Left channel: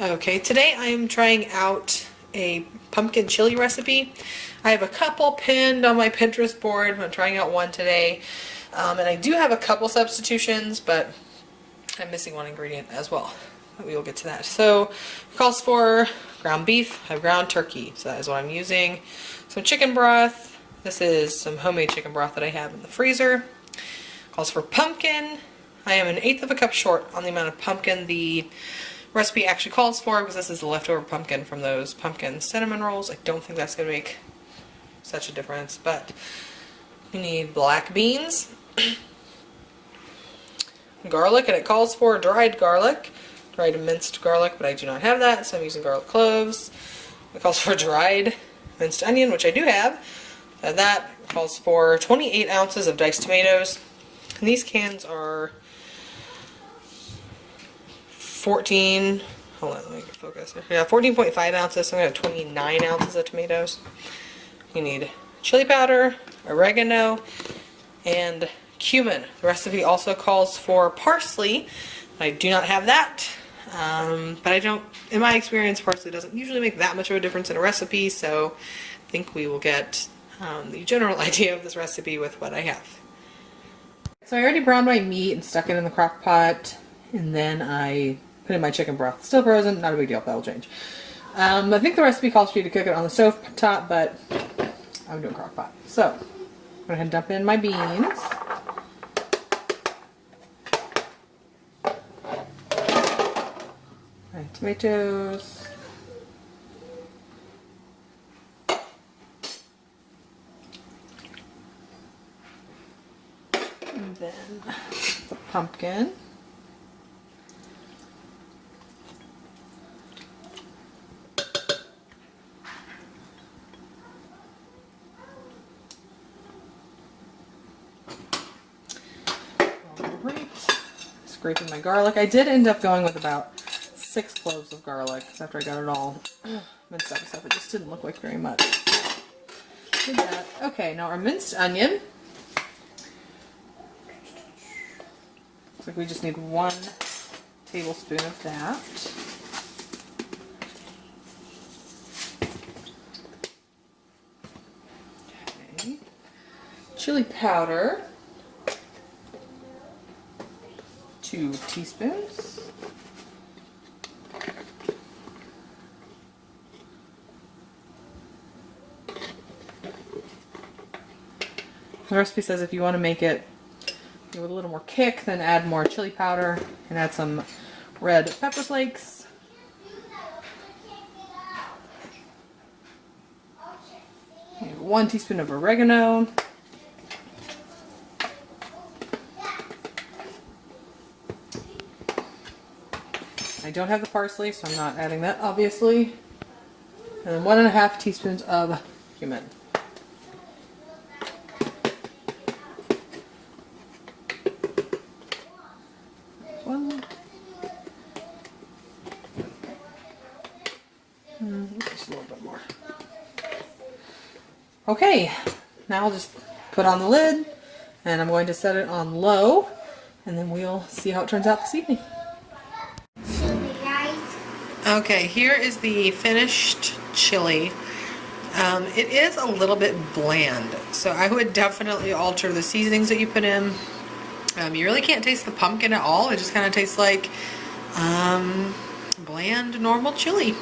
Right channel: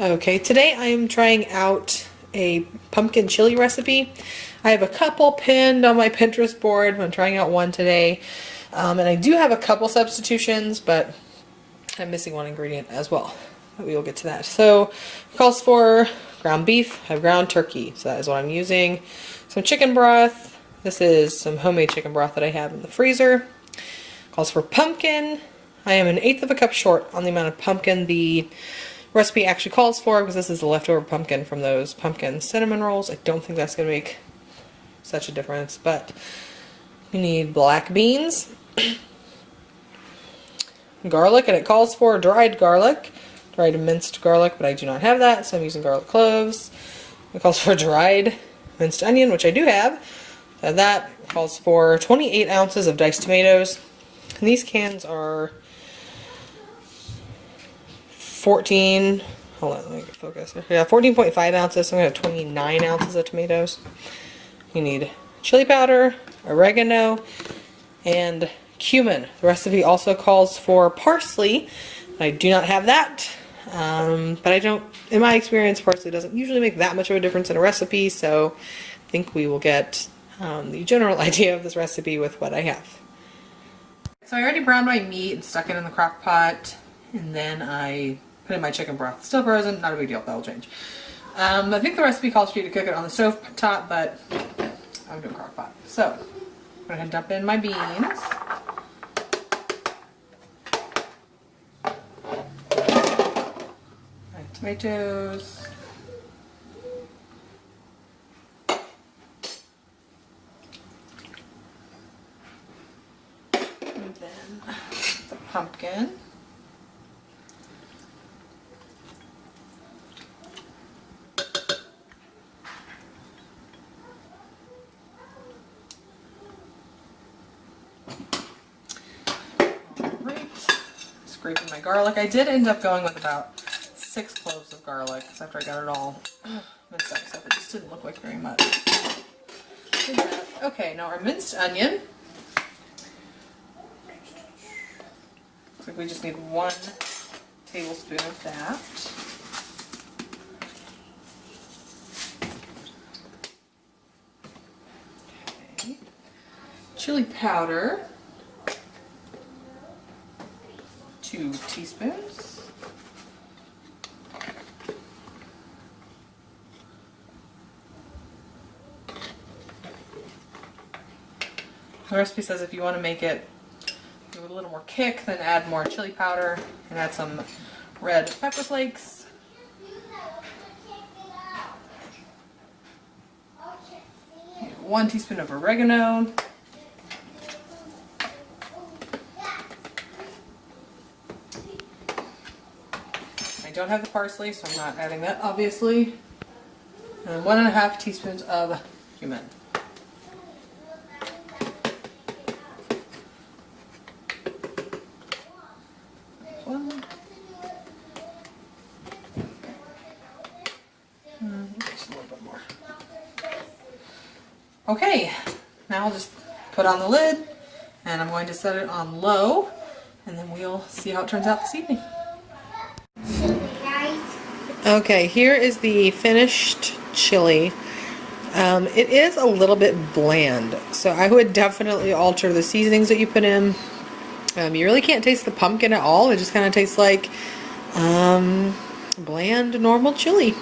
Okay, today I am trying out a pumpkin chili recipe. I have a couple pinned on my Pinterest board. I'm trying out one today. And I do have a couple substitutions, but I'm missing one ingredient as well. We will get to that. So it calls for ground beef, I have ground turkey, so that is what I'm using. Some chicken broth. This is some homemade chicken broth that I have in the freezer. It calls for pumpkin. I am 1/8 of a cup short on the amount of pumpkin the recipe actually calls for, because this is the leftover pumpkin from those pumpkin cinnamon rolls. I don't think that's going to make such a difference, but we need black beans, garlic, and it calls for dried garlic, dried minced garlic, but I do not have that, so I'm using garlic cloves. It calls for dried minced onion, which I do have. That calls for 28 ounces of diced tomatoes. And these cans are 14, hold on, let me get focused. Yeah, 14.5 ounces, so I'm going to have 29 ounces of tomatoes. You need chili powder, oregano, and cumin. The recipe also calls for parsley. I do not have that, but I don't, in my experience, parsley doesn't usually make that much of a difference in a recipe, so I think we will get the general idea of this recipe with what I have. So I already browned my meat and stuck it in the crock pot, and then I put in my chicken broth. Still frozen, not a big deal, that'll change. I think the recipe calls for you to cook it on the stove top, but I'm doing crock pot. So, I'm going to go ahead and dump in my beans. My tomatoes. And then the pumpkin. Scraping my garlic. I did end up going with about 6 cloves of garlic after I got it all minced up and stuff. It just didn't look like very much. Okay, now our minced onion. Looks like we just need 1 tablespoon of that. Okay. Chili powder. 2 teaspoons. The recipe says if you want to make it with a little more kick, then add more chili powder and add some red pepper flakes. And 1 teaspoon of oregano. I don't have the parsley, so I'm not adding that, obviously. And then 1.5 teaspoons of cumin. Just a little bit more. Okay, now I'll just put on the lid, and I'm going to set it on low, and then we'll see how it turns out this evening. Okay, here is the finished chili. It is a little bit bland, so I would definitely alter the seasonings that you put in. You really can't taste the pumpkin at all. It just kind of tastes like bland, normal chili.